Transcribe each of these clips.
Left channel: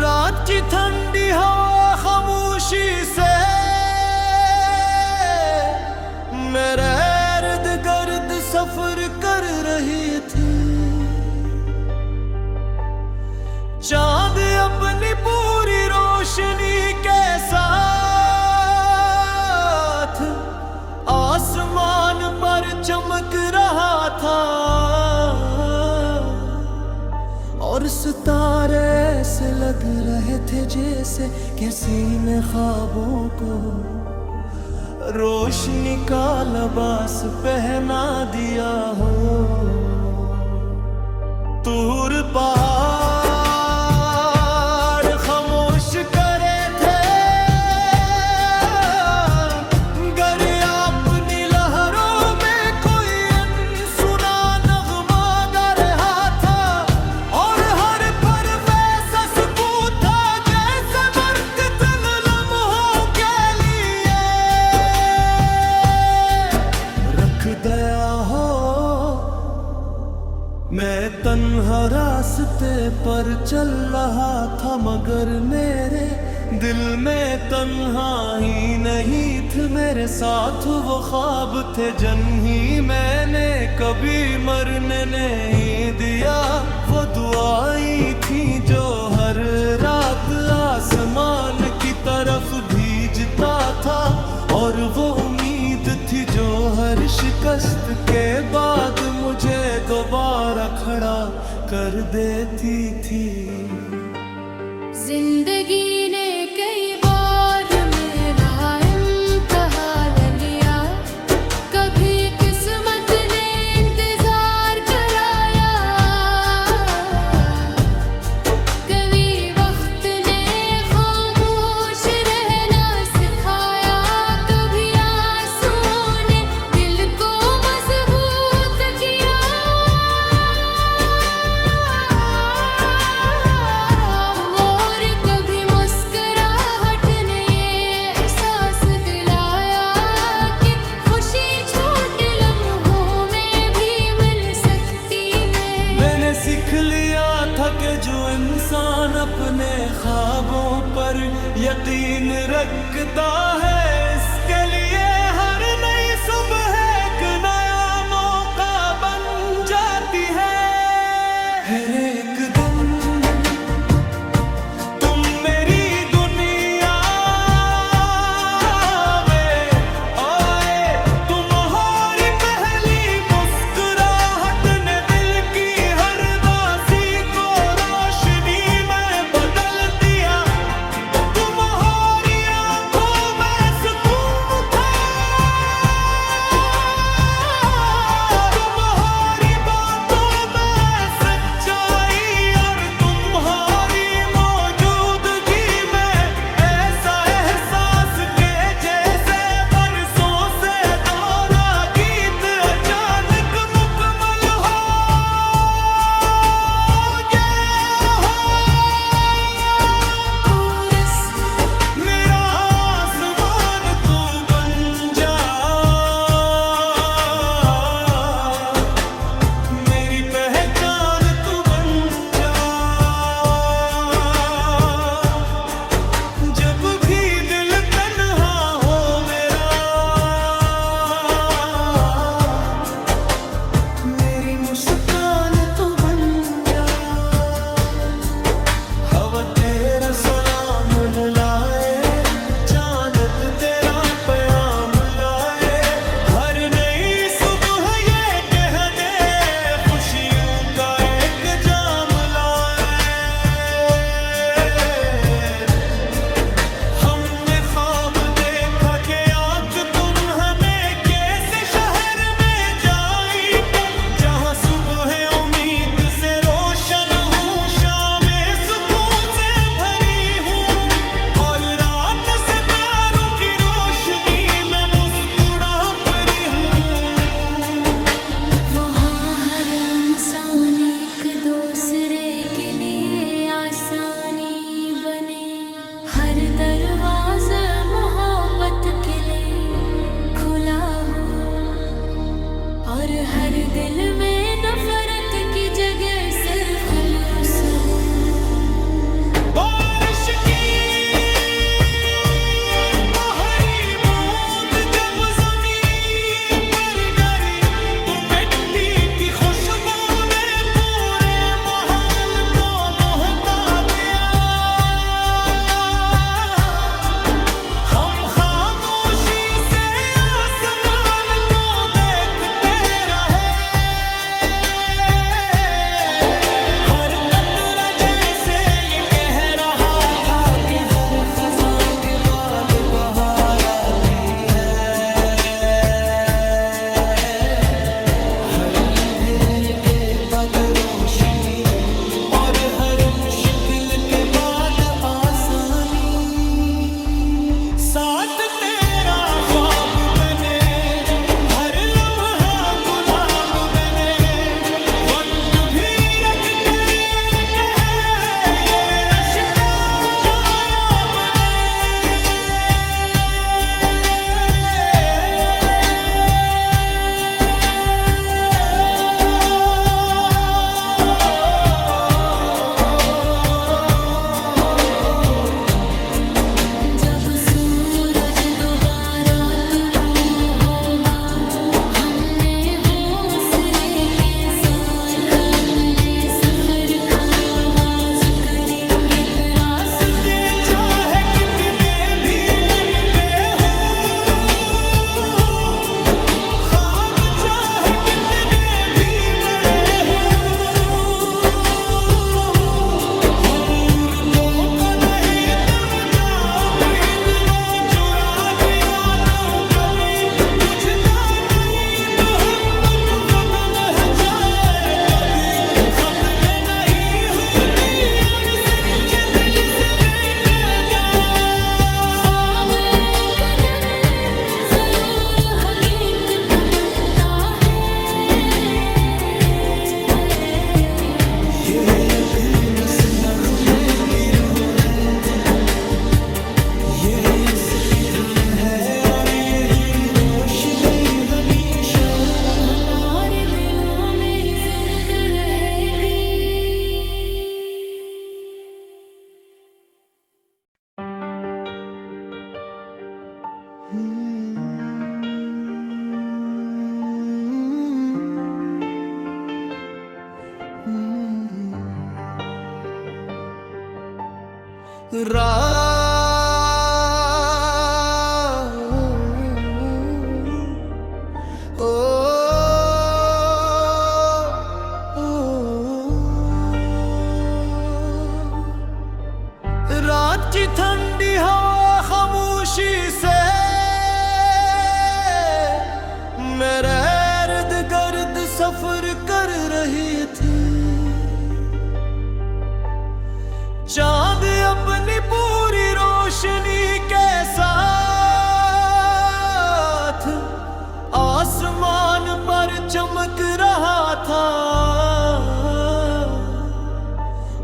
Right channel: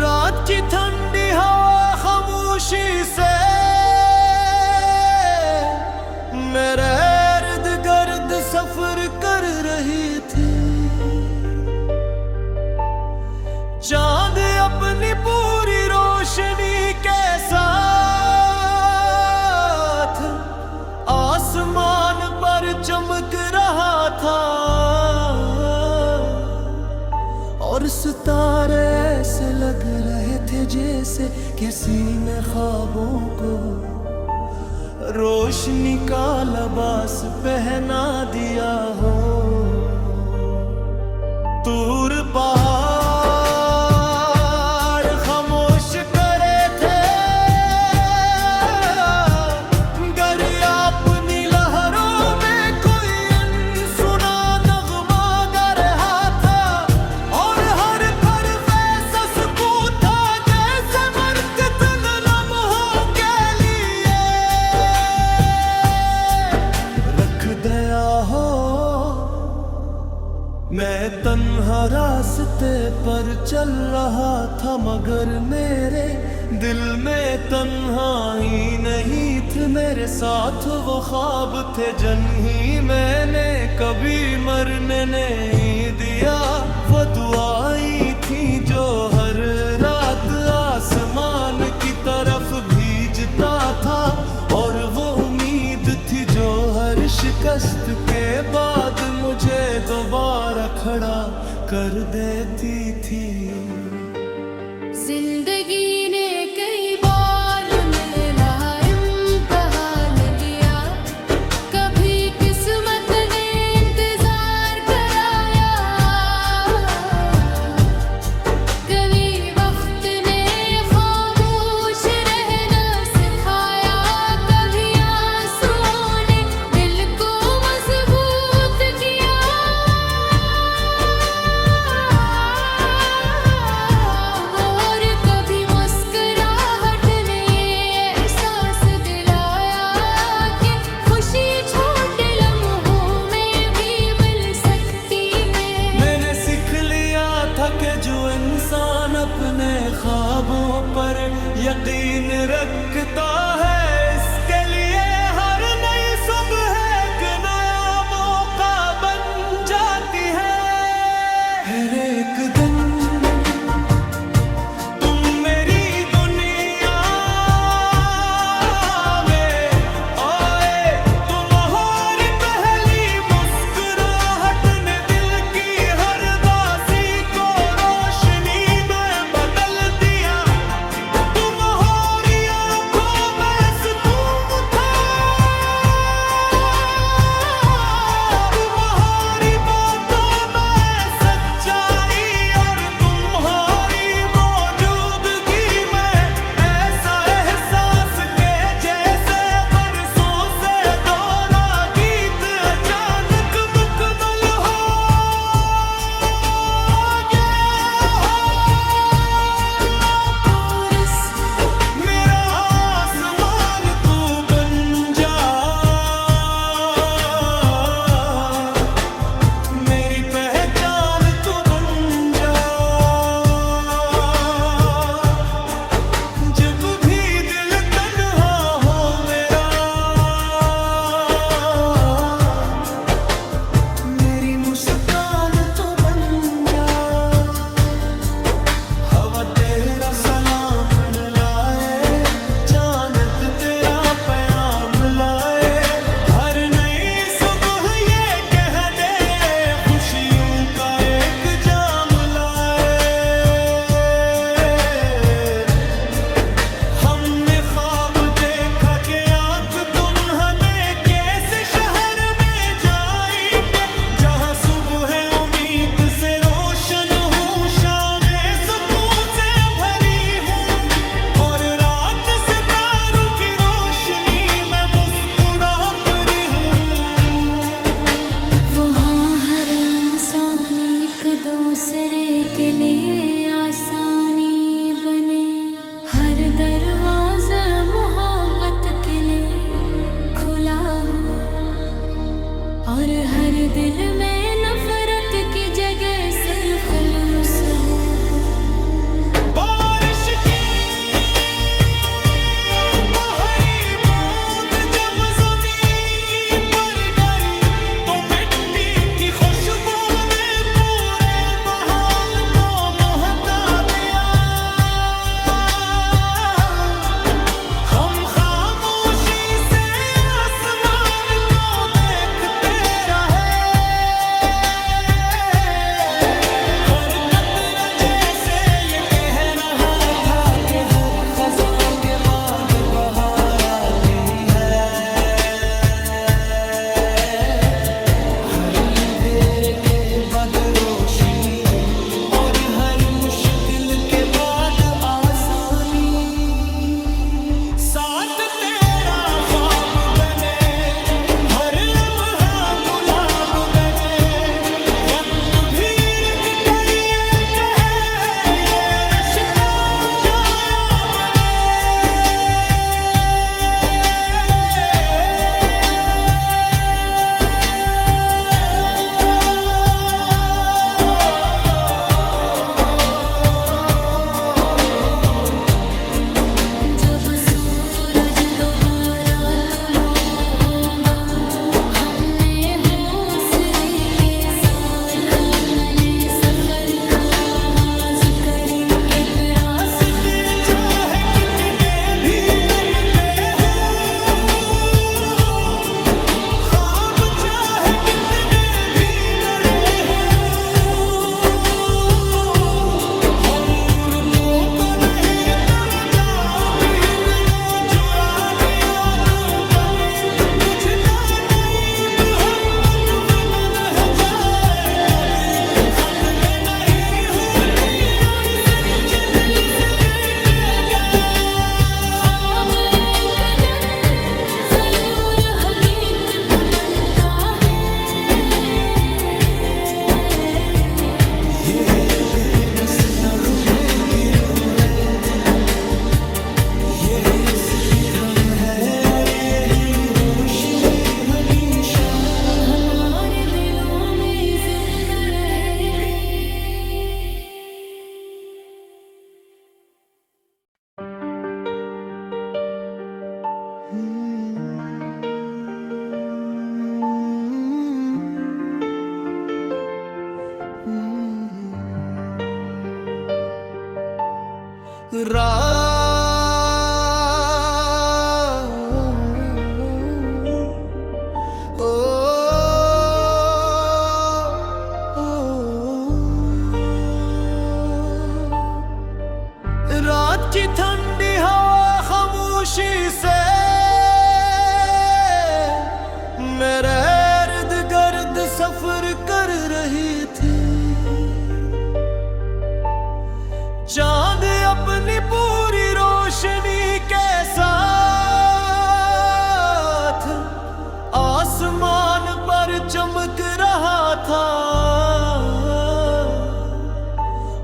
रात की ठंडी हवा खामोशी से मेरे इर्द गिर्द सफर कर रही थी। चांद अपनी पूरी रोशनी के साथ आसमान पर चमक रहा था और सितारे ऐसे लग रहे थे जैसे किसी ने ख्वाबों को रोशनी का लिबास पहना दिया हो। दूर पहाड़ खामोश करे थे, दरिया अपनी लहरों में कोई अनसुना नगमा गा रहा था और हर पल वैसा सुकून था जैसे मरते तन लम्हों के लिए रख दया हो। मैं तन्हा रास्ते पर चल रहा था मगर मेरे दिल में तन्हाई नहीं थी। मेरे साथ वो ख्वाब थे जिन्हें मैंने कभी मरने नहीं दिया। वो दुआएं थी जो हर रात आसमान की तरफ भेजता था और वो उम्मीद थी जो हर शिकस्त के बाद मुझे दोबारा खड़ा कर देती थी। जिंदगी ने कई बार मेरा इम्तिहान लिया, कभी किस्मत ने इंतजार कराया, कभी वक्त ने खामोश रहना सिखाया, कभी आंसुओं ने दिल को मजबूत किया और कभी मुस्कुराहट ने एहसास दिलाया कि खुशी छोटे लम्हों में भी मिल सकती है। मैंने सीख लिया था कि जो इंसान अपने ख्वाबों पर यकीन रखता है इसके लिए हर नई सुबह एक नया मौका बन जाती है। हर एक दिन तुम मेरी दुनिया में आए, तुम्हारी पहली मुस्कुराहट ने दिल की हर दासी को रोशनी में बदल दिया। तुम्हारी आंखों में सुकून था दरवाजा मोहब्बत के लिए खुला हो, और हर दिल में नफरत की जगह सरखलूस हो। बारिश की बाहरी बूंद जब ज़मीन पर गिरी तो मिट्टी की खुशबू ने पूरे महल को महका दिया। हम खामोशी से आसमान को देखते रहे, हर कतरा जैसे ये कह रहा था कि हर खज़ां के बाद बहार आती है। हर अंधेर के बाद रोशनी और हर मुश्किल के बाद आसानी। साथ तेरा ख्वाब बने, हर लम्हा गुलाब बने, वक्त भी रख कर ये कहे ये रिश्ता नायाब बने। जब सूरज दोबारा तुलू होगा, हमने हौसले के साथ अपने सफर का आगाज करेंगे। रास्ते चाहे कितने भी लंबे हों, ख्वाब चाहे कितने भी बड़े हों, हम रुको तो नहीं तब जाओगे वो चुरा दिया तो कभी बुझता नहीं मोहब्बत बुझ न जाए कभी। खत्म नहीं होती और सच्चे दिल से बेटेगा। ख्वाब एक दिन जरूर हकीकत बनता है, ये यकीन इस नगमे की रूह है, ये इसकी धुन है और यही रोशनी हमेशा हमारे दिलों में जिंदा रहेगी। रात की ठंडी हवा खामोशी से मेरे इर्द गिर्द सफर कर रही थी। चांद अपनी पूरी रोशनी के साथ आसमान पर चमक रहा था,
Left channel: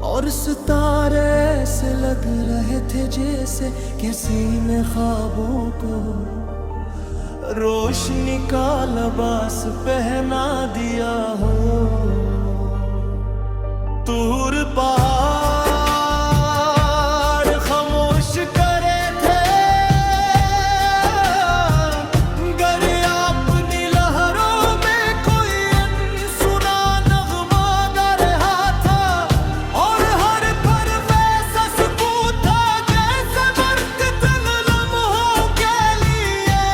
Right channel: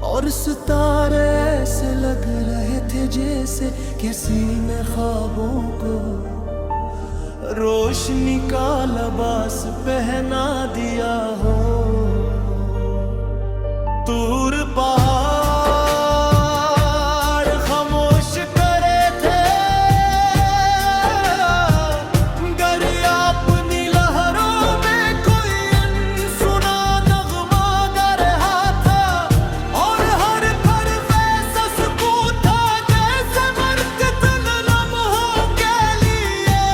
और सितारे ऐसे लग रहे थे जैसे किसी ने ख्वाबों को रोशनी का लिबास पहना दिया हो। दूर पहाड़ खामोश करे थे, गरिया अपनी लहरों में कोई अनसुना नगमा गा रहा था, और हर पल वैसा सुकून था जैसे बरकतन लम्हों के लिए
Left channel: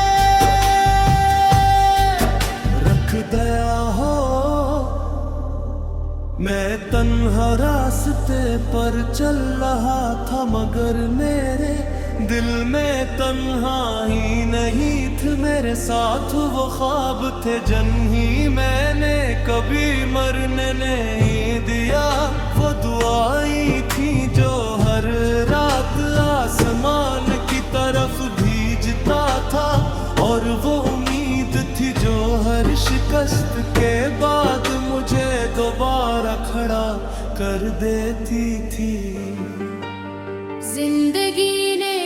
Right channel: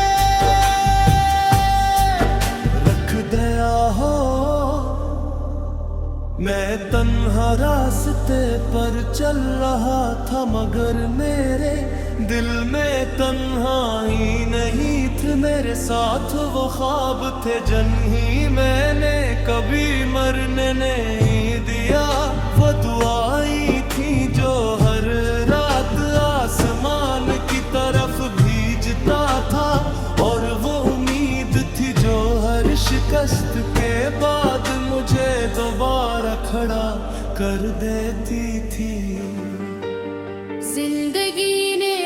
रख दया हो। मैं तन्हा रास्ते पर चल रहा था, मगर मेरे दिल में तन्हाई नहीं थी। मेरे साथ वो ख्वाब थे जिन्ही मैंने कभी मरने नहीं दिया। वो दुआएं थी जो हर रात आसमान की तरफ भेजता था, और वो उम्मीद थी जो हर शिकस्त के बाद मुझे दोबारा खड़ा कर देती थी। जिंदगी ने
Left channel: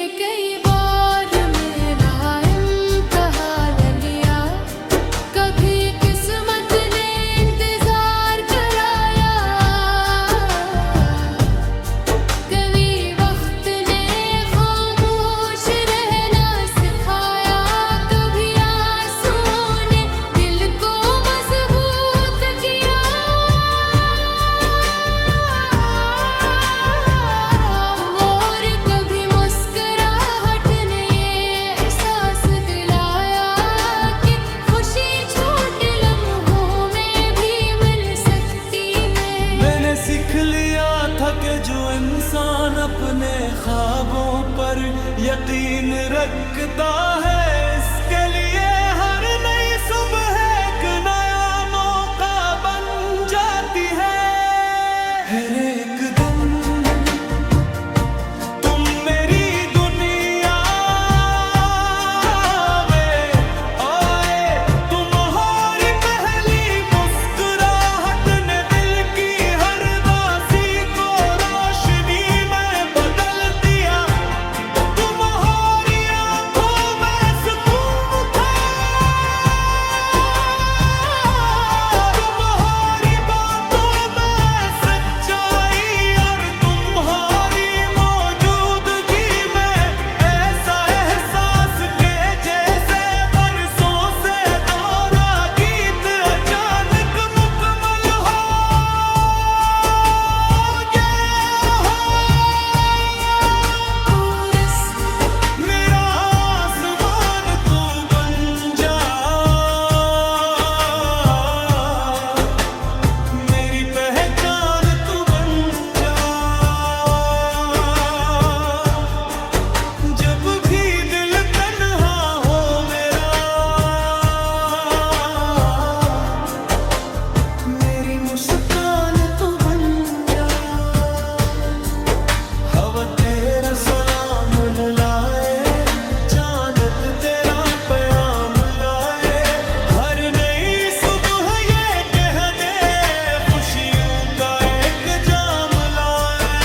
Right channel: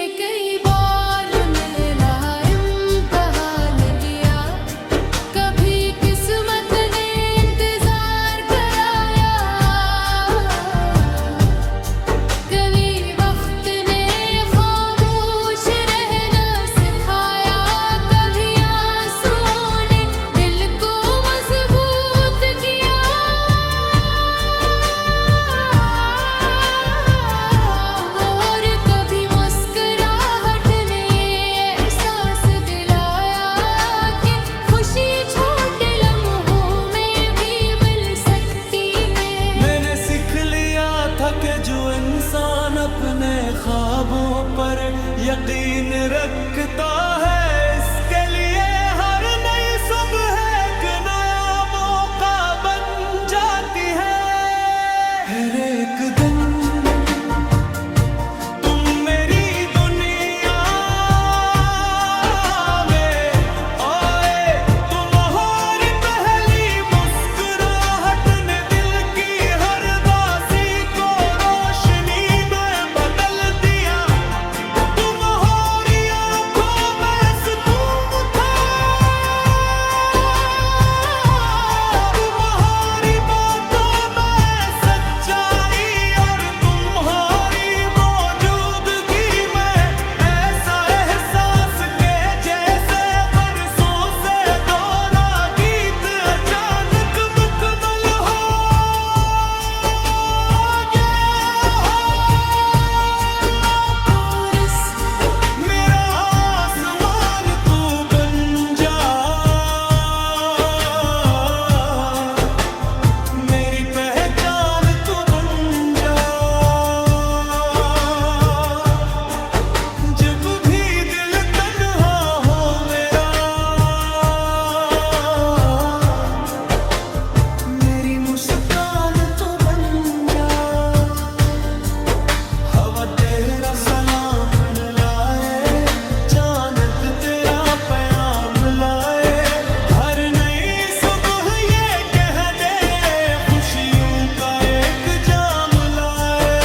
इंसान अपने ख्वाबों पर यकीन रखता है, इसके लिए हर नई सुबह एक नया मौका बन जाती है। हर एक दिन तुम मेरी दुनिया में आए, तुम्हारी पहली मुस्कुराहट ने दिल की हर दासी को रोशनी में बदल दिया। तुम्हारी आंखों में सुकून था, तुम्हारी बातों में सच्चाई, और तुम्हारी मौजूदगी में ऐसा एहसास के जैसे बरसों से दोहरा गीत अचानक मुकम्मल हो गया। कोरस मेरा आसमान तू बन जा, मेरी पहचान तू बन जा। जब भी दिल तन्हा हो मेरा, मेरी मुस्कान तू बन जा। हवा तेरा सलाम लाए, चांद तेरा प्याम लाए, हर नई सुबह ये कह दे खुशियों का एक जाम लाए।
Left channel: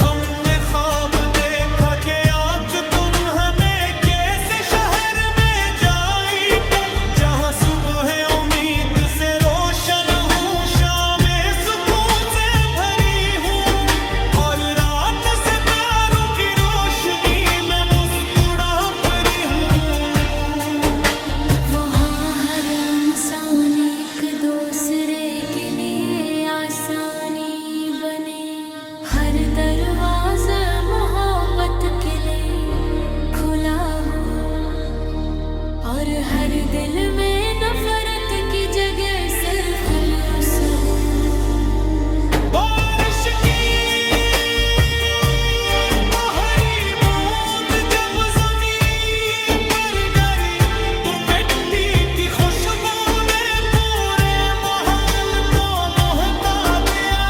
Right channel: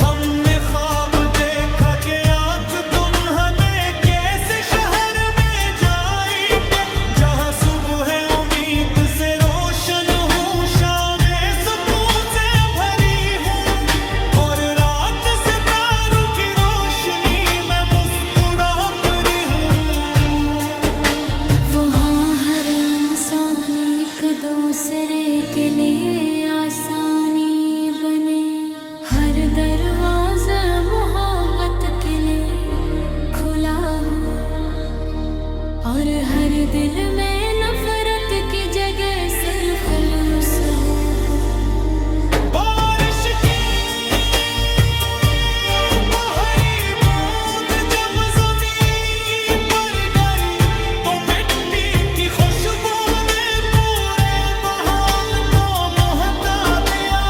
हमने ख्वाब देखा कि आँख तुम हमें कैसे शहर में जाएंगे, जहाँ सुबह उम्मीद से रोशन हूँ, शामें सुकून से भरी हूँ, और रात सितारों की रोशनी में मुस्कुरा परी हूँ। वहाँ हर इंसान एक दूसरे के लिए आसानी बने, हर दरवाजा मोहब्बत के लिए खुला हो, और हर दिल में नफरत की जगह सरफरोश हो। बारिश की पहली बूंद जब ज़मीन पर गिरी, तो मिट्टी की खुशबू ने पूरे महल को महका दिया।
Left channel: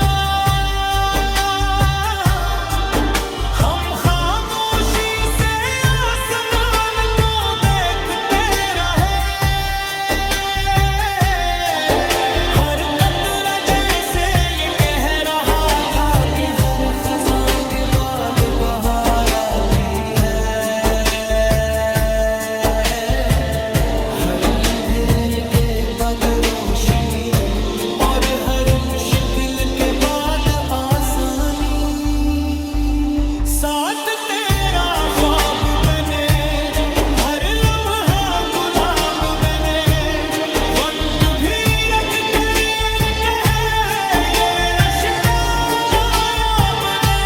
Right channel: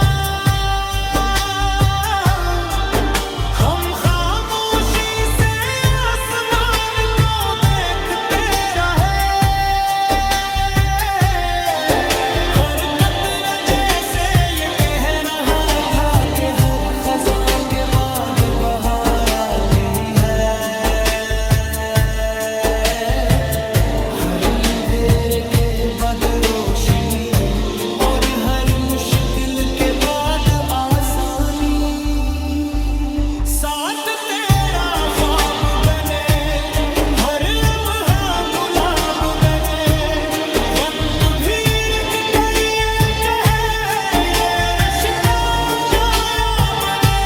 हम खामोशी से आसमान को देखते रहे, हर कतरा जैसे ये कह रहा था कि हर खजा के बाद बहार आती है। हर अंधेरे के बाद रोशनी, और हर मुश्किल के बाद आसानी। साथ तेरा ख्वाब बने, हर लम्हा गुलाब बने, वक्त भी रख कर ये कहे ये रिश्ता नायाब बने।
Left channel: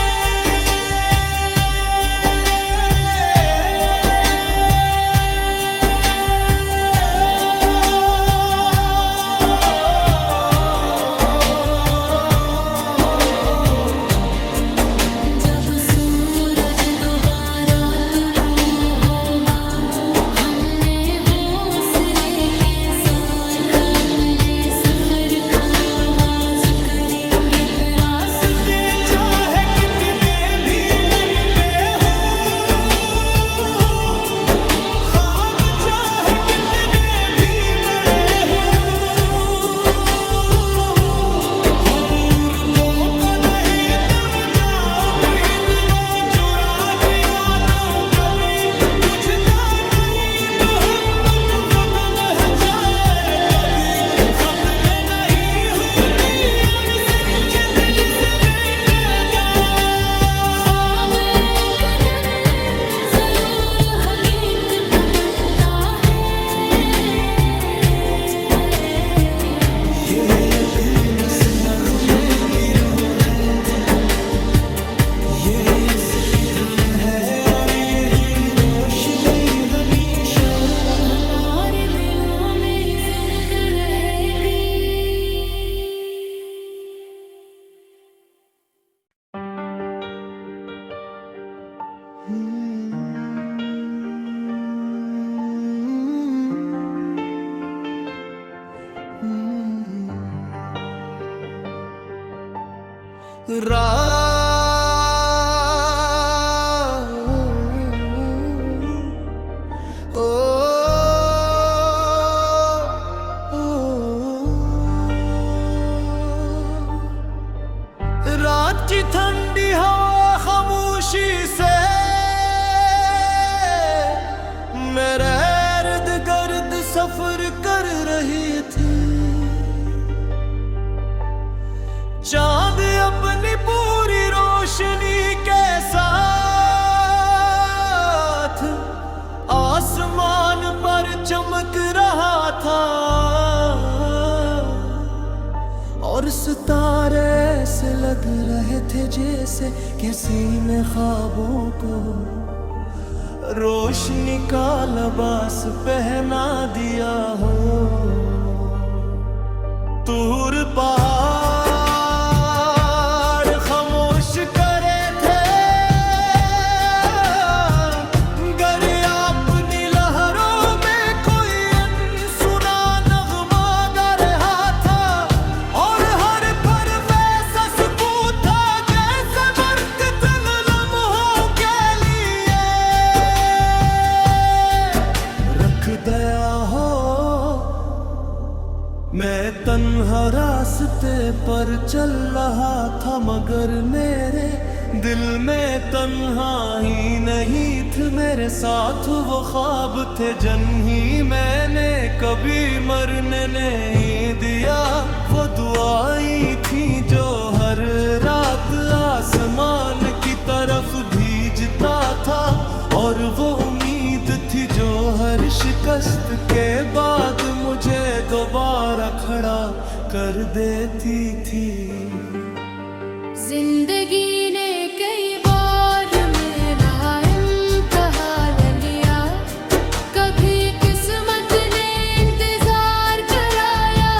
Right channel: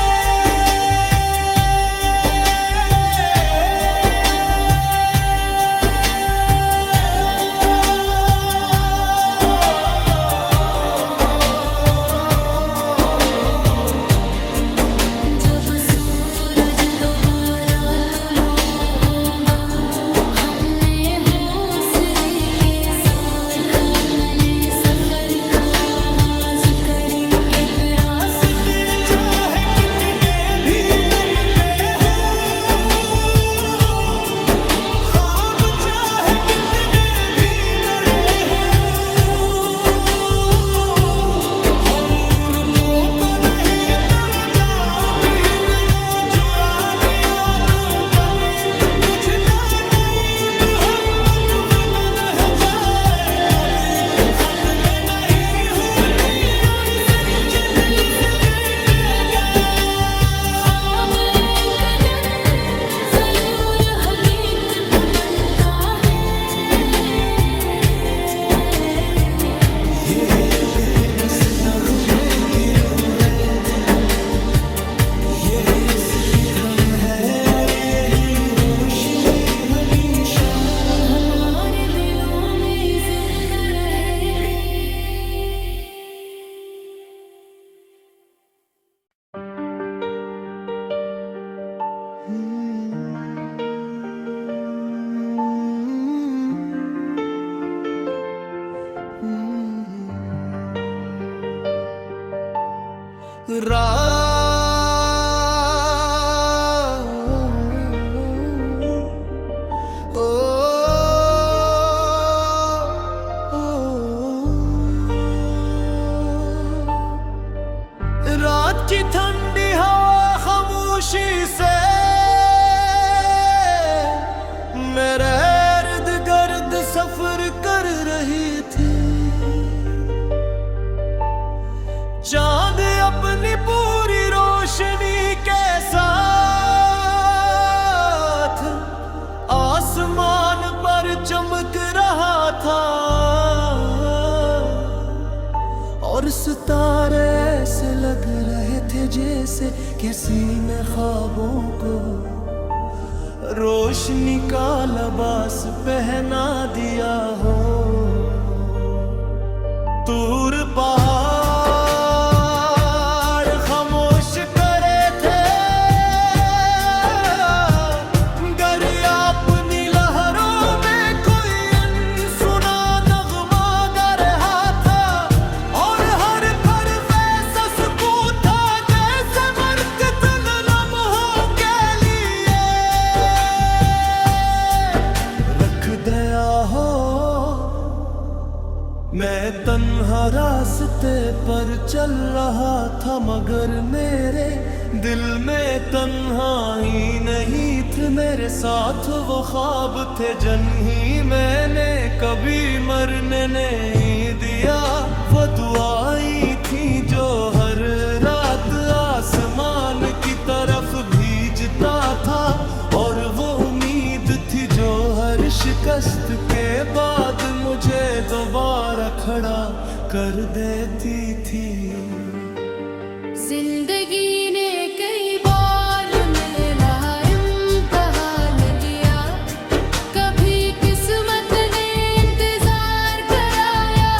जब सूरज दोबारा तुलू होगा, हमने हौसले के साथ अपने सफर का आगाज करेंगे। रास्ते चाहे कितने भी लंबे हों, ख्वाब चाहे कितने भी बड़े हों, हम रुको तो नहीं, तब जाओ दिन वो चुरा दिया तो कभी बुझता नहीं मोहब्बत खुद न जाए कभी। खत्म नहीं होती और सच्चे दिल से बैठेगा। ख्वाब एक दिन जरूर हकीकत बनता है। ये यकीन इस नगमे की रूह है, ये इसकी धन है, और यही रोशनी हमेशा हमारे दिलों में जिंदा रहेगी। रात की ठंडी हवा खामोशी से मेरे इर्द गिर्द सफर कर रही थी। चांद अपनी पूरी रोशनी के साथ आसमान पर चमक रहा था और सितारे ऐसे लग रहे थे जैसे किसी ने ख्वाबों को रोशनी का लिबास पहना दिया हो। दूर पहाड़ खामोश करे थे, दरिया अपनी लहरों में कोई अनसुना नगमा गा रहा था और हर पल वैसा सुकून था जैसे बरकत लम्हों के लिए रख दया हो। मैं तन्हा रास्ते पर चल रहा था मगर मेरे दिल में तन्हाई नहीं थी। मेरे साथ वो ख्वाब थे जिन्ही मैंने कभी मरने नहीं दिया। वो दुआएं थी जो हर रात आसमान की तरफ भेजता था और वो उम्मीद थी जो हर शिकस्त के बाद मुझे दोबारा खड़ा कर देती थी। जिंदगी ने कई बार मेरा इम्तिहान लिया, कभी किस्मत ने इंतजार कराया,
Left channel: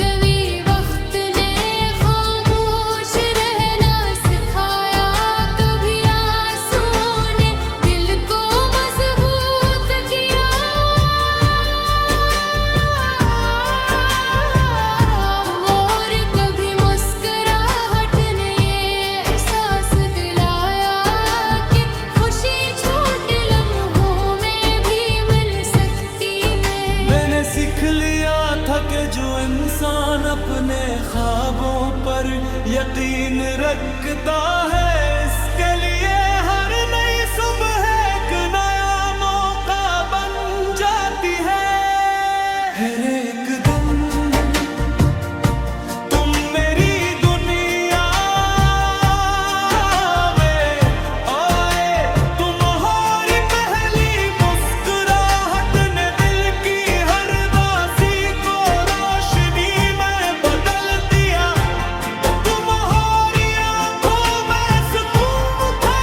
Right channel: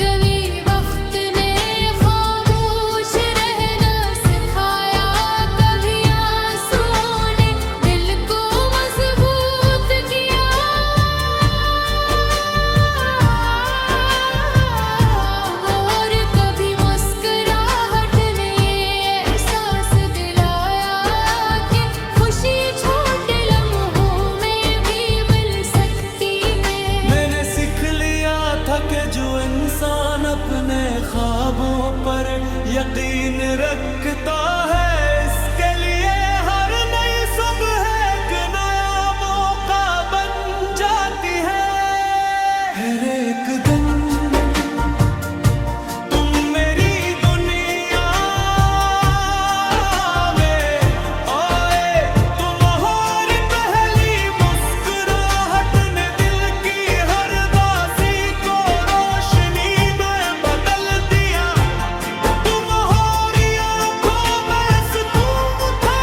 कभी वक्त ने खामोश रहना सिखाया, कभी आंसू ने दिल को मजबूत किया और कभी मुस्कुराहट ने एहसास दिलाया कि खुशी छोटे लम्हों में भी मिल सकती है। मैंने सीख लिया था कि जो इंसान अपने ख्वाबों पर यकीन रखता है इसके लिए हर नई सुबह एक नया मौका बन जाती है। हर एक दिन तुम मेरी दुनिया में आए, तुम्हारी पहली मुस्कुराहट ने दिल की हर दासी को रोशनी में बदल दिया। तुम्हारी आंखों में सुकून था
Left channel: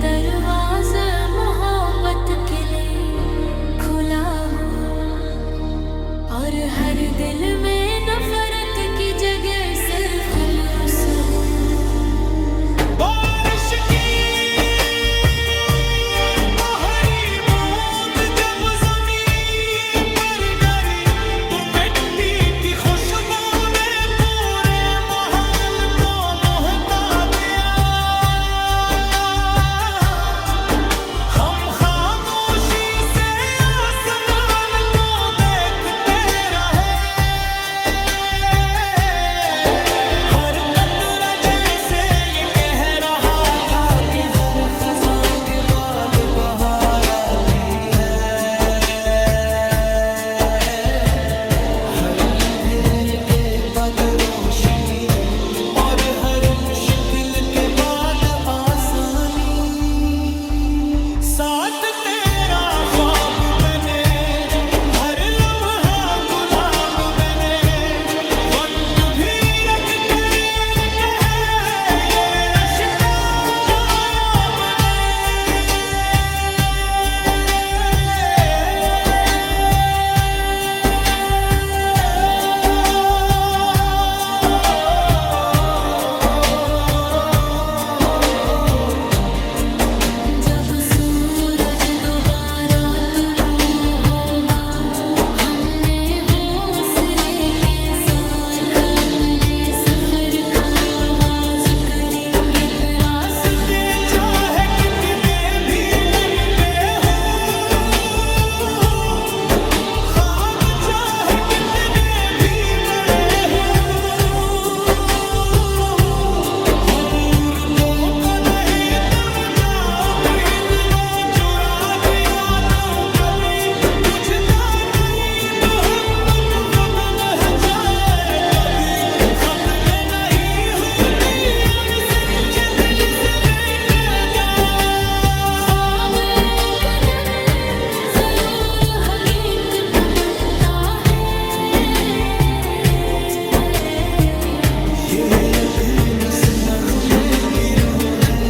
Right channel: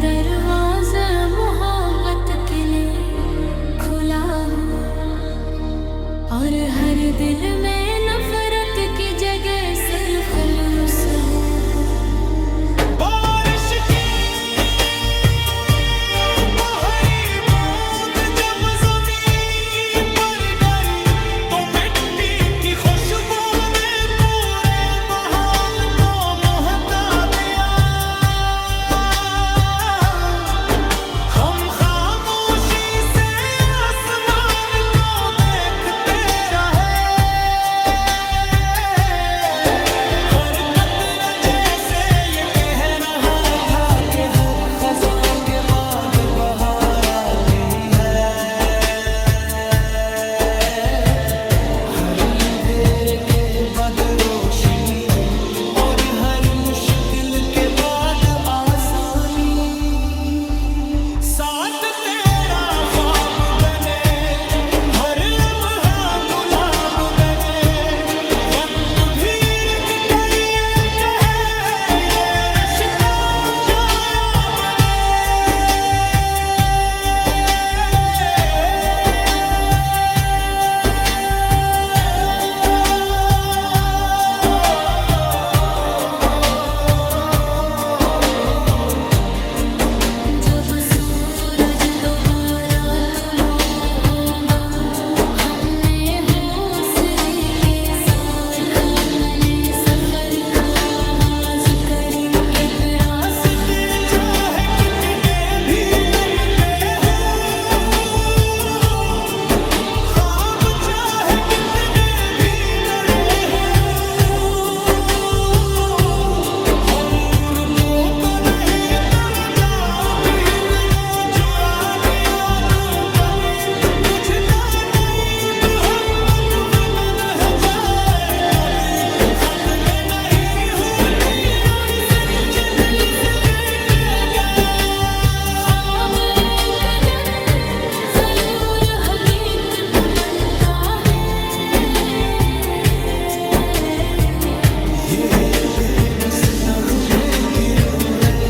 दरवाजा मोहब्बत के लिए खुला हो, और हर दिल में नफरत की जगह सरफरोश हो। बारिश की बाहरी बूंद जब ज़मीन पर गिरी तो मिट्टी की खुशबू ने पूरे महल को महका दिया। हम खामोशी से आसमान को देखते रहे, हर कतरा जैसे ये कह रहा था कि हर खजा के बाद बहार आती है, हर अंधेरे के बाद रोशनी और हर मुश्किल के बाद आसानी। साथ तेरा ख्वाब बने, हर लम्हा गुलाब बने, वक्त भी रख कर ये कहे ये रिश्ता नायाब बने। जब सूरज दोबारा तुलू होगा, हमने हौसले के साथ अपने सफर का आगाज करेंगे। रास्ते चाहे कितने भी लंबे हों, ख्वाब चाहे कितने भी बड़े हों, हम रुको तो नहीं तब जाओ दिन वो चुरा दिया तो कभी बुझता नहीं मोहब्बत बुद न जाए कभी, खत्म नहीं होती और सच्चे दिल से बेचेगा। ख्वाब एक दिन जरूर हकीकत बनता है, ये यकीन इस नगमे की रूह है,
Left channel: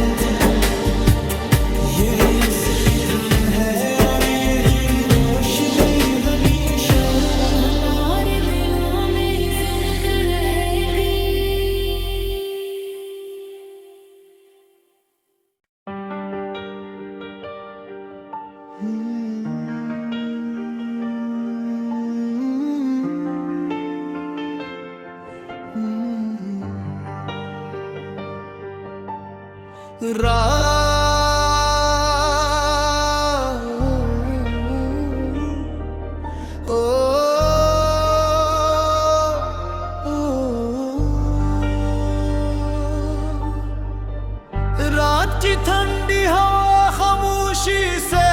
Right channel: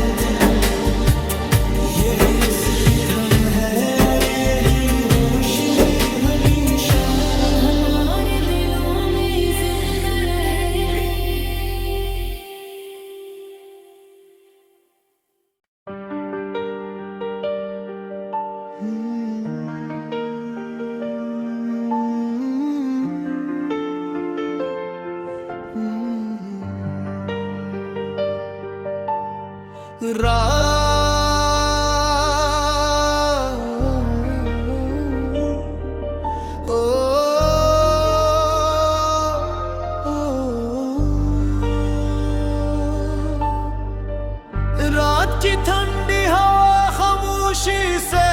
ये इसकी धन है और यही रोशनी हमेशा हमारे दिलों में जिंदा रहेगी। रात की ठंडी हवा खामोशी से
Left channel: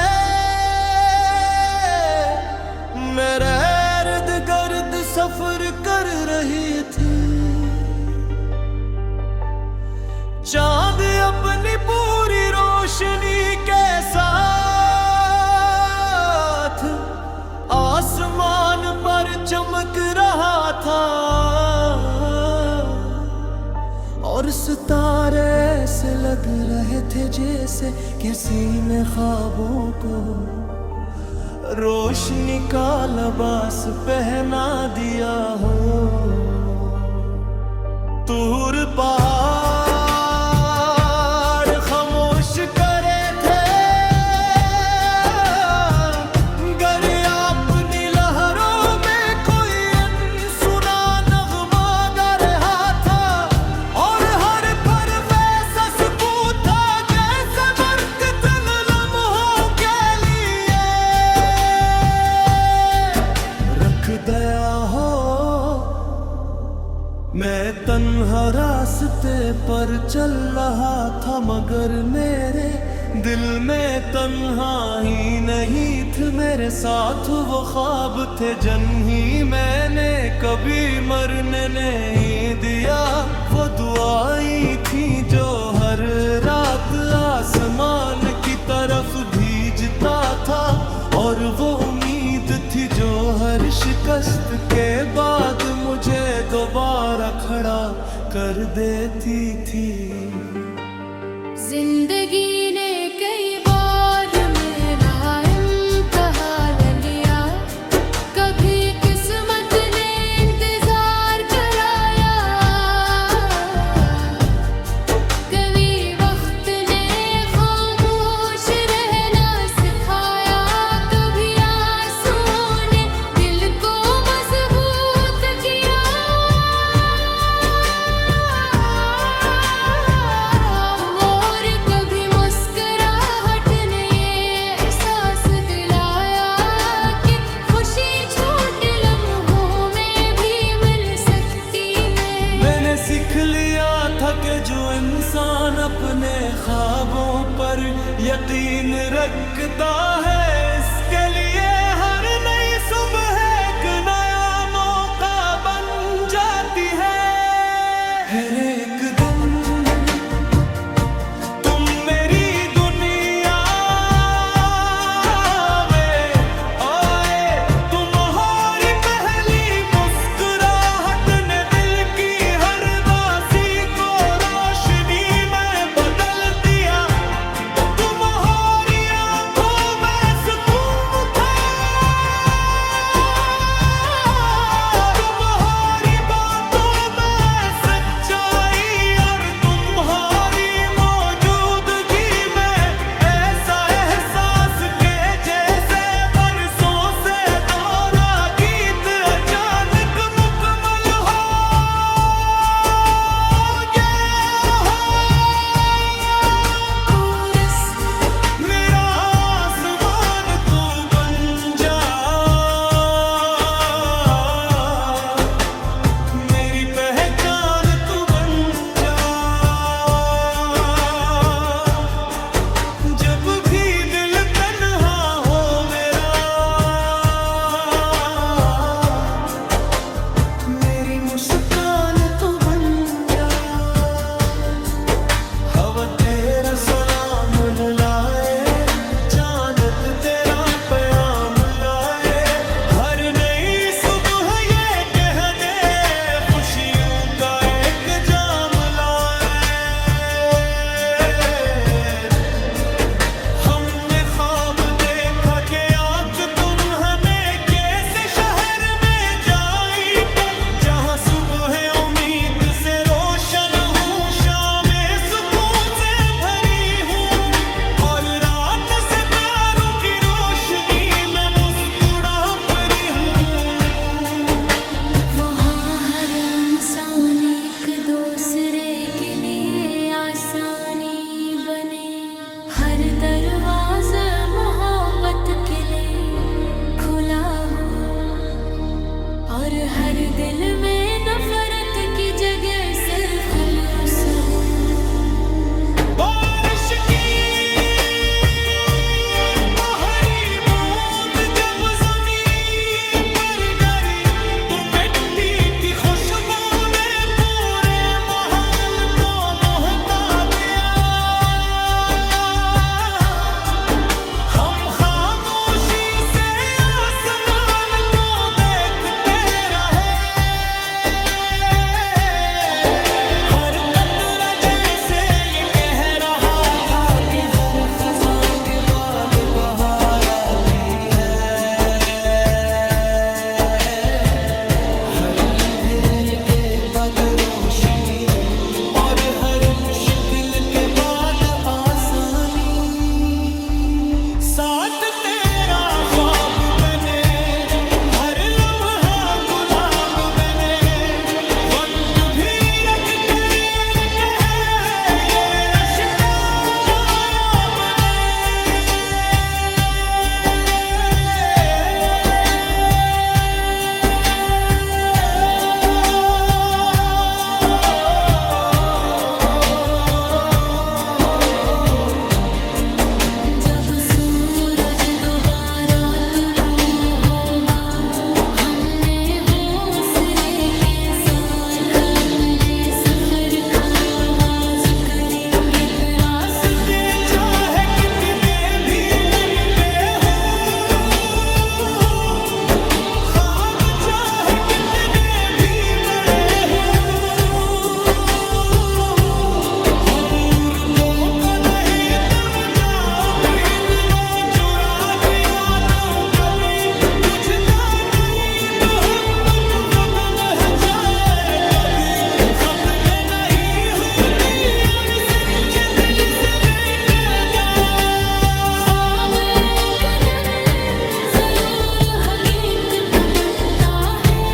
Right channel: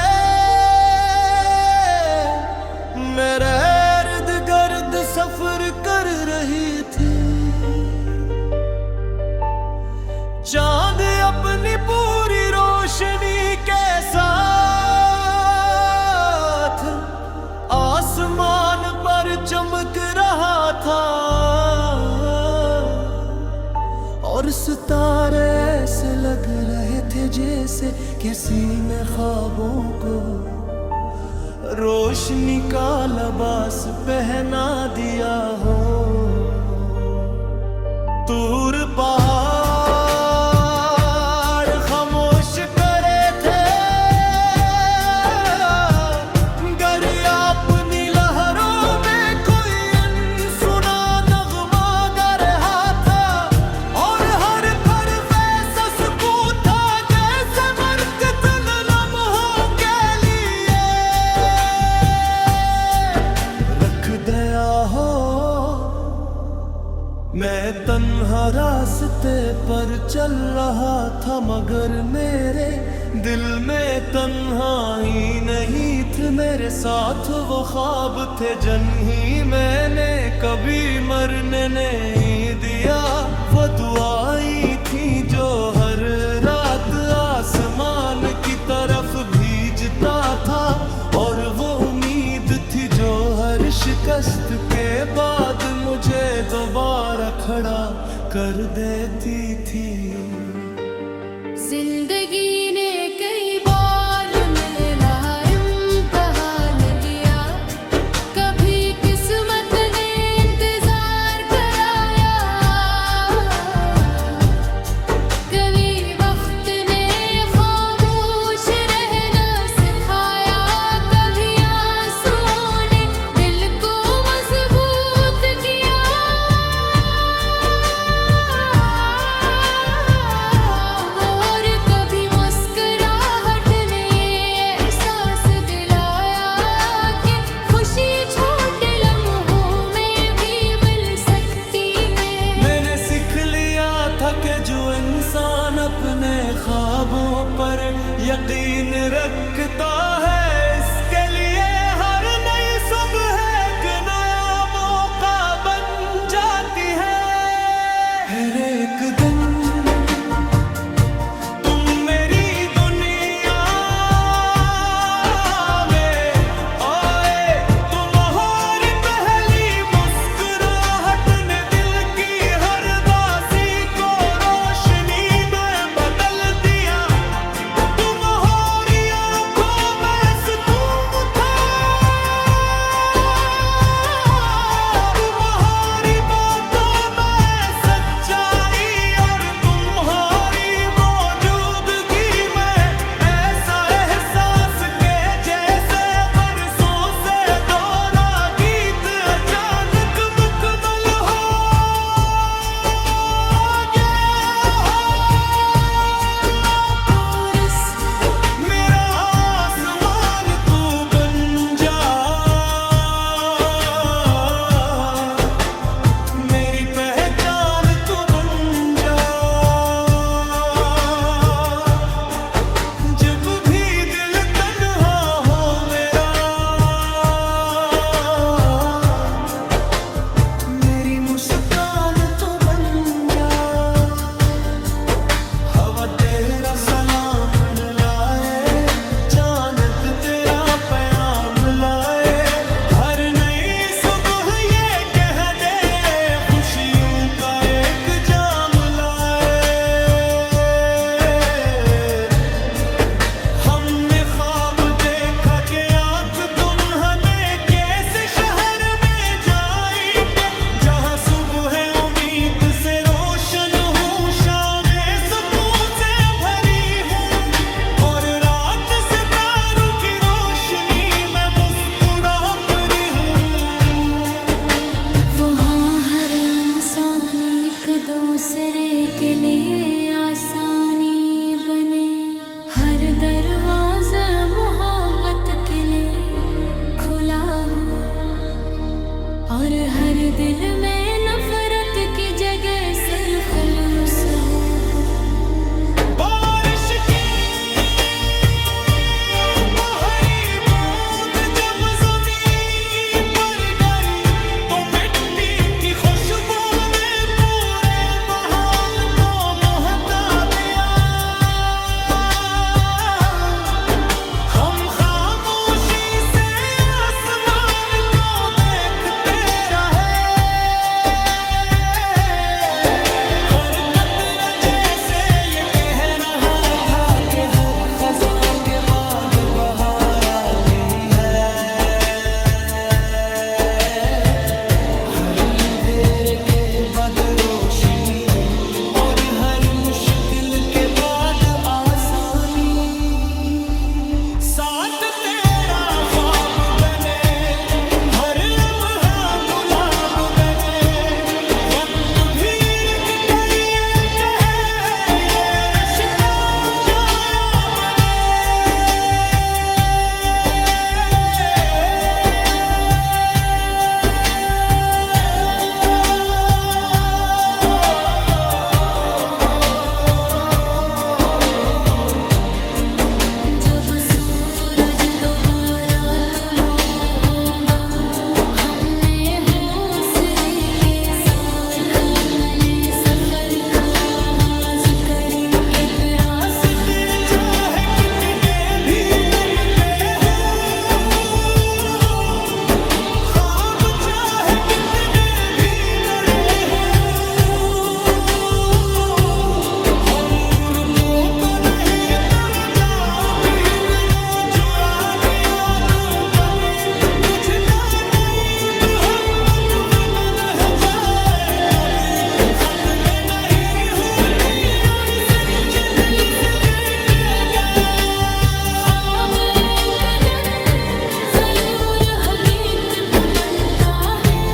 मेरे इर्द गिर्द सफर कर रही थी। चांद अपनी पूरी रोशनी के साथ आसमान पर चमक रहा था, और सितारे ऐसे लग रहे थे जैसे किसी ने ख्वाबों को रोशनी का लिबास पहना दिया हो। दूर पहाड़ खामोश करे थे, गरिया अपनी लहरों में कोई अनसुना नगमा गा रहा था, और हर पल वैसा सुकून था जैसे बरकत लम्हों के लिए रख दया हो। मैं तन्हा रास्ते पर चल रहा था, मगर मेरे दिल में तन्हाई नहीं थी, मेरे साथ वो ख्वाब थे जिन्ही मैंने कभी मरने नहीं दिया। वो दुआएं थी जो हर रात आसमान की तरफ भेजता था, और वो उम्मीद थी जो हर शिकस्त के बाद मुझे दोबारा खड़ा कर देती थी। जिंदगी ने इंसान अपने ख्वाबों पर यकीन रखता है, इसके लिए हर नई सुबह एक नया मौका बन जाती है। हर एक दिन तुम मेरी दुनिया में आए, तुम्हारी पहली मुस्कुराहट ने दिल की हर दासी को रोशनी में बदल दिया। तुम्हारी आंखों में सुकून था, तुम्हारी बातों में सच्चाई, और तुम्हारी मौजूदगी में ऐसा एहसास के जैसे बरसों से दोहरा गीत अचानक मुकम्मल हो गया। कोरस मेरा आसमान तू बन जा, मेरी पहचान तू बन जा। जब भी दिल तन्हा हो मेरा, मेरी मुस्कान तू बन जा। हवा तेरा सलाम लाए, चांद तेरा प्याम लाए, हर नई सुबह ये कह दे खुशियों का एक जाम लाए। हमने ख्वाब देखा कि आँख तुम हमें कैसे शहर में जाएंगे, जहाँ सुबह उम्मीद से रोशन हूँ, शामें सुकून से भरी हूँ, और रात सितारों की रोशनी में मुस्कुरा परी हूँ। वहाँ हर इंसान एक दूसरे के लिए आसानी बने, हर दरवाजा मोहब्बत के लिए खुला हो, और हर दिल में नफरत की जगह सिर्फ खलूस हो। बारिश की पहली बूंद जब ज़मीन पर गिरी, तो मिट्टी की खुशबू ने पूरे महल को महका दिया। हम खामोशी से आसमान को देखते रहे, हर कतरा जैसे ये कह रहा था कि हर खज़ां के बाद बहार आती है, हर अंधेरे के बाद रोशनी, और हर मुश्किल के बाद आसानी। साथ तेरा ख्वाब बने, हर लम्हा गुलाब बने, वक्त भी रख कर ये कहे ये रिश्ता नायाब बने। जब सूरज दोबारा तुलू होगा, हमने हौसले के साथ अपने सफर का आगाज करेंगे। फिर रास्ते चाहे कितने भी लंबे हों, ख्वाब चाहे कितने भी बड़े हों, हम रुको तो नहीं तब जाओगे वो चुरा दिया तो कभी बुझता नहीं मोहब्बत वक्त न जाए कभी, खत्म नहीं होती और सच्चे दिल से बैठेगा। ख्वाब एक दिन जरूर हकीकत बनता है,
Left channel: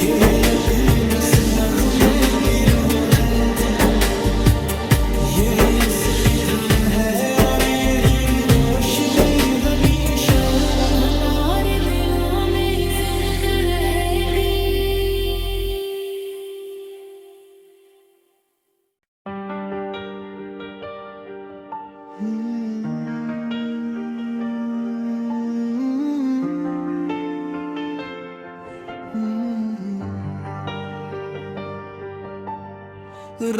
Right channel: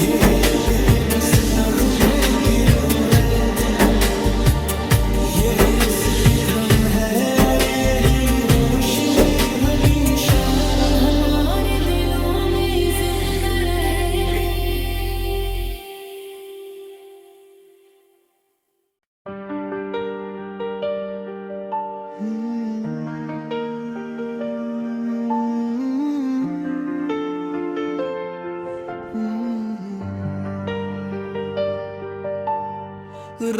ये यकीन इस नगमे की रूह है, ये इसकी धन है, और यही रोशनी हमेशा हमारे दिलों में जिंदा रहेगी। रात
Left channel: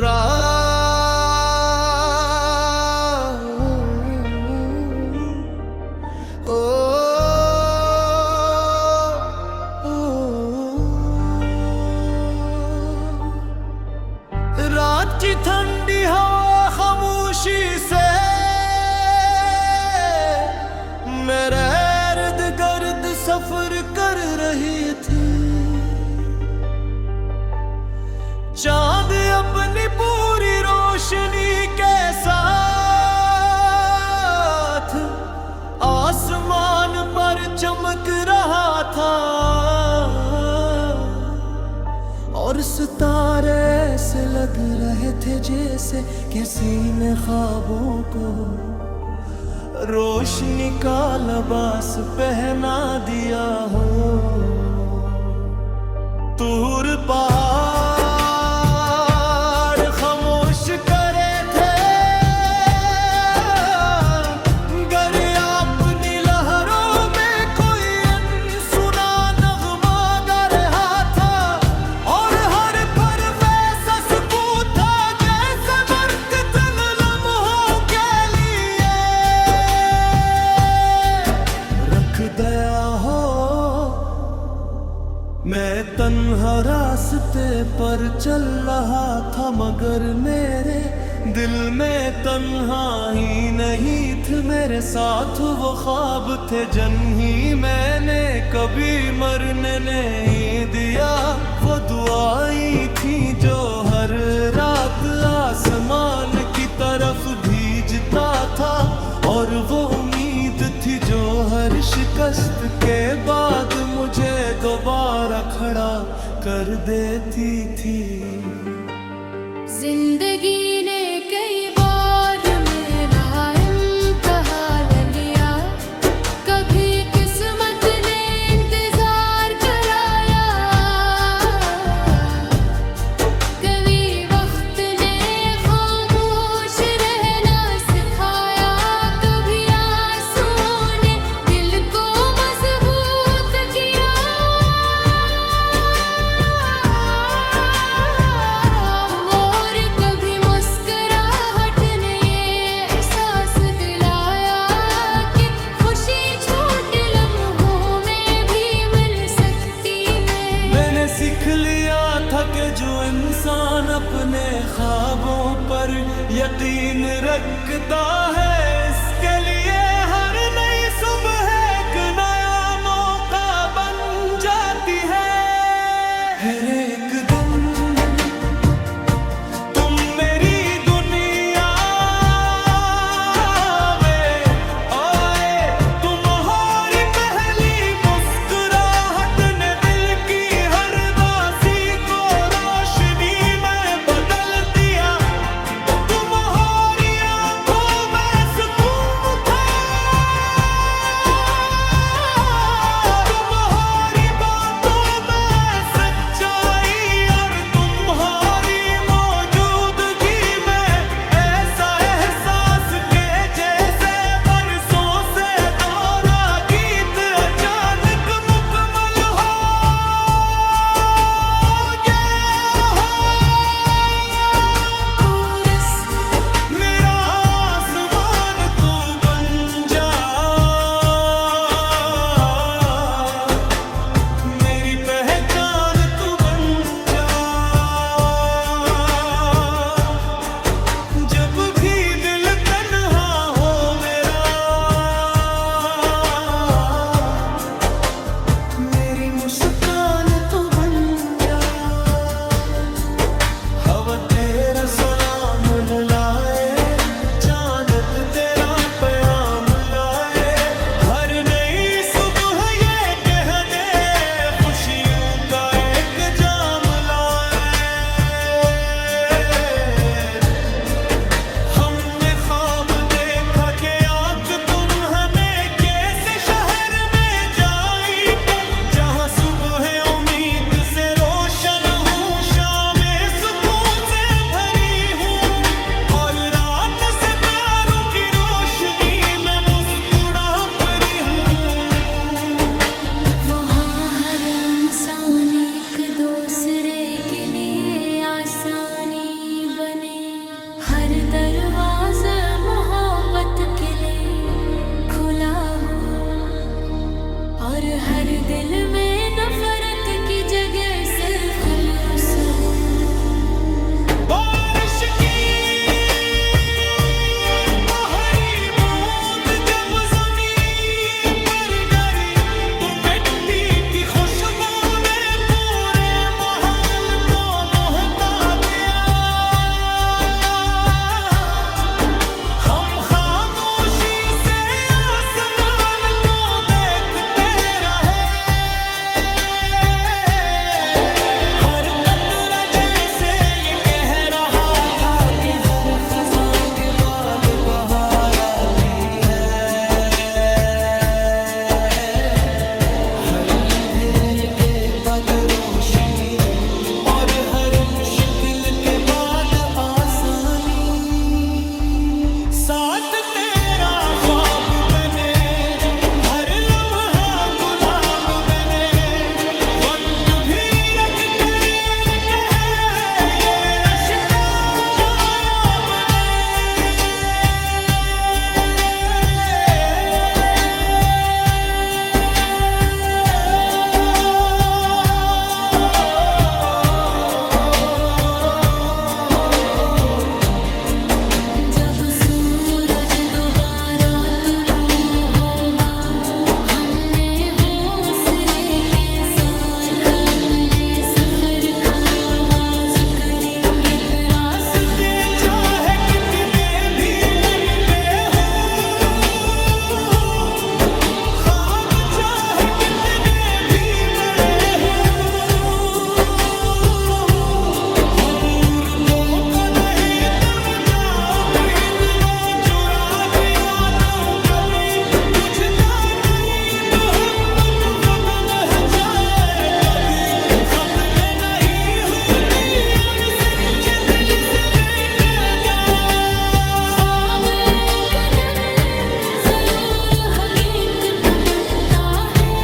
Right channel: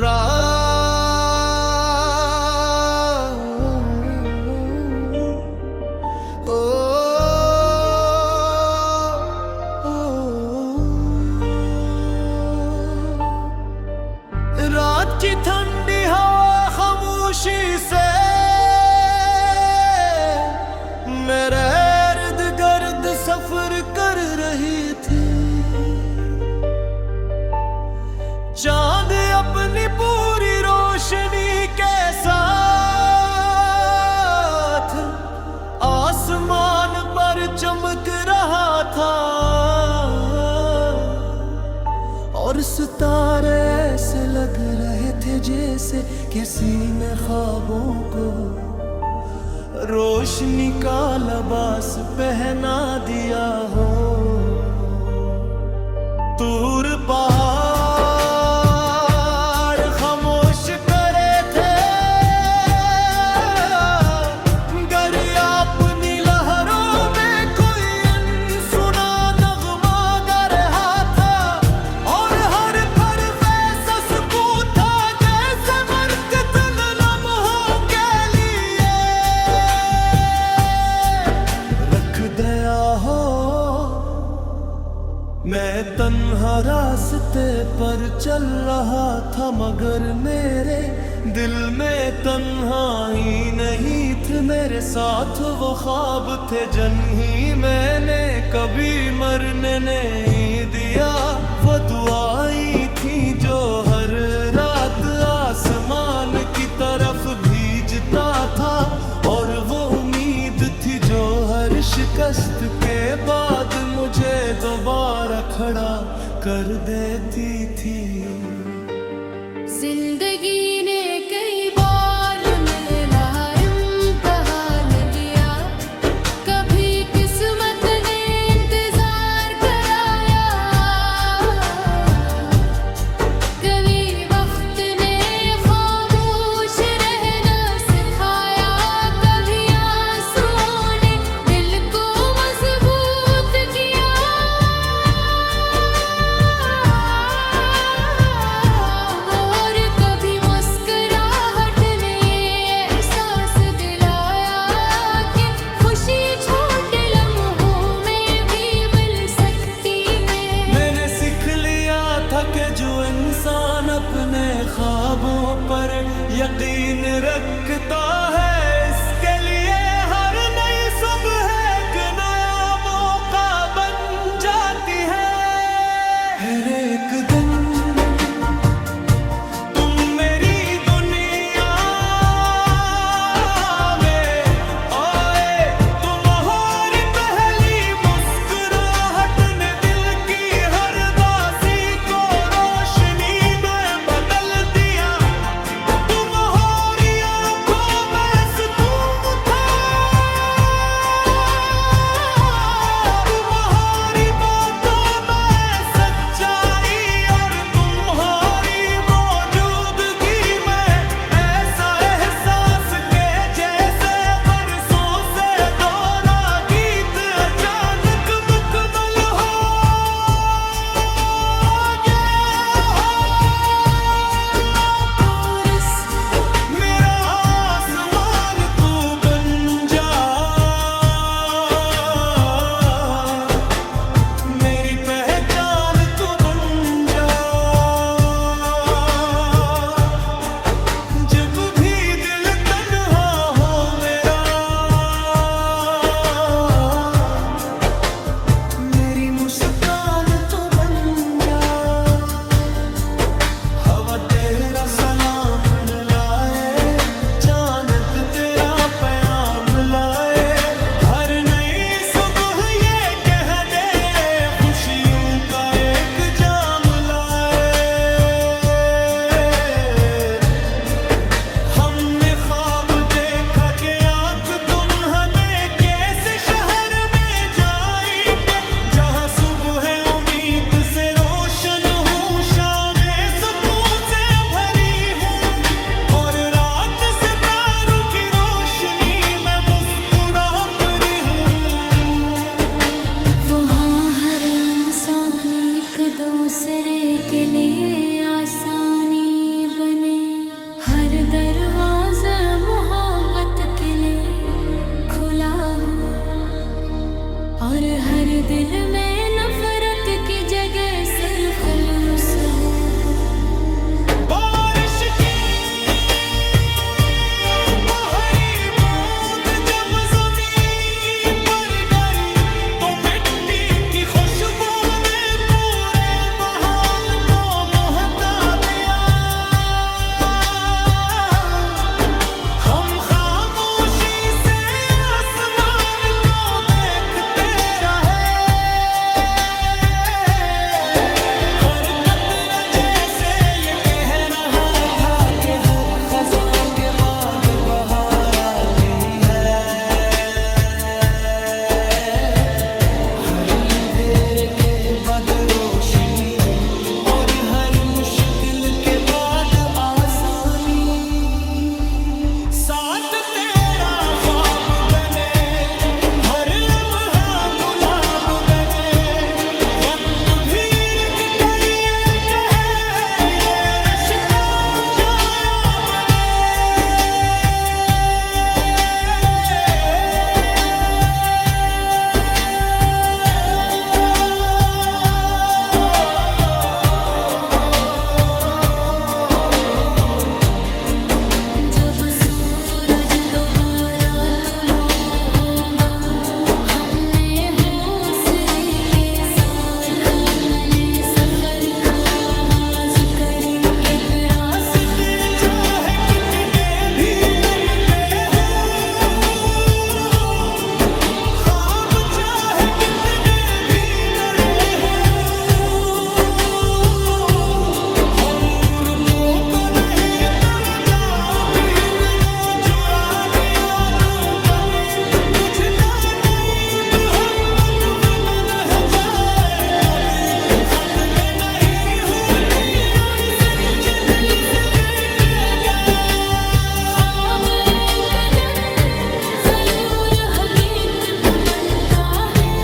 की ठंडी हवा खामोशी से मेरे इर्द गिर्द सफर कर रही थी। चांद अपनी पूरी रोशनी के साथ आसमान पर चमक रहा था और सितारे ऐसे लग रहे थे जैसे किसी ने ख्वाबों को रोशनी का लिबास पहना दिया हो। दूर पहाड़ खामोश करे थे, दरिया अपनी लहरों में कोई अनसुना नगमा गा रहा था और हर पल वैसा सुकून था जैसे बरकत लम्हों के लिए रख दया हो। मैं तन्हा रास्ते पर चल रहा था मगर मेरे दिल में तन्हाई नहीं थी। मेरे साथ वो ख्वाब थे जिन्ही मैंने कभी मरने नहीं दिया। वो दुआएं थी जो हर रात आसमान की तरफ भेजता था और वो उम्मीद थी जो हर शिकस्त के बाद मुझे दोबारा खड़ा कर देती थी। जिंदगी ने कई बार मेरा इम्तिहान लिया, कभी किस्मत ने इंतजार कराया, कभी वक्त ने खामोश रहना सिखाया, कभी आंसू ने दिल को मजबूत किया और कभी मुस्कुराहट ने एहसास दिलाया कि खुशी छोटे लम्हों में भी मिल सकती है। मैंने सीख लिया था कि जो इंसान अपने ख्वाबों पर यकीन रखता है इसके लिए हर नई सुबह एक नया मौका बन जाती है। हर एक दिन तुम मेरी दुनिया में आए, तुम्हारी पहली मुस्कुराहट ने दिल की हर दासी को रोशनी में बदल दिया। तुम्हारी आंखों में सुकून था मोहब्बत के लिए खुला हो, और हर दिल में नफरत की जगह सरखलूस हो। बारिश की पहली बूंद जब ज़मीन पर गिरी तो मिट्टी की खुशबू ने पूरे महल को महका दिया। हम खामोशी से आसमान को देखते रहे, हर कतरा जैसे ये कह रहा था कि हर खजा के बाद बहार आती है, हर अंधेरे के बाद रोशनी और हर मुश्किल के बाद आसानी। साथ तेरा ख्वाब बने, हर लम्हा गुलाब बने, वक्त भी रख कर ये कहे ये रिश्ता नायाब बने। जब सूरज दोबारा तुलू होगा, हमने हौसले के साथ अपने सफर का आगाज करेंगे। फिर रास्ते चाहे कितने भी लंबे हों, ख्वाब चाहे कितने भी बड़े हों, हम रुको तो नहीं तब जाओगे वो चुरा दिया तो कभी बुझता नहीं मोहब्बत बुझ न जाए कभी, खत्म नहीं होती और सच्चे दिल से बैठेगा। ख्वाब एक दिन जरूर हकीकत बनता है,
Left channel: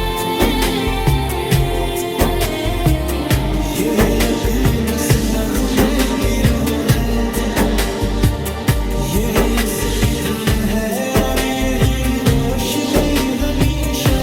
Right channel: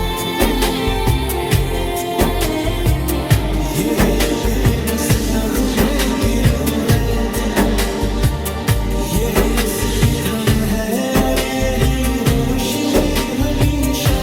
ये यकीन इस नगमे की रूह है, ये इसकी धन है और यही रोशनी हमेशा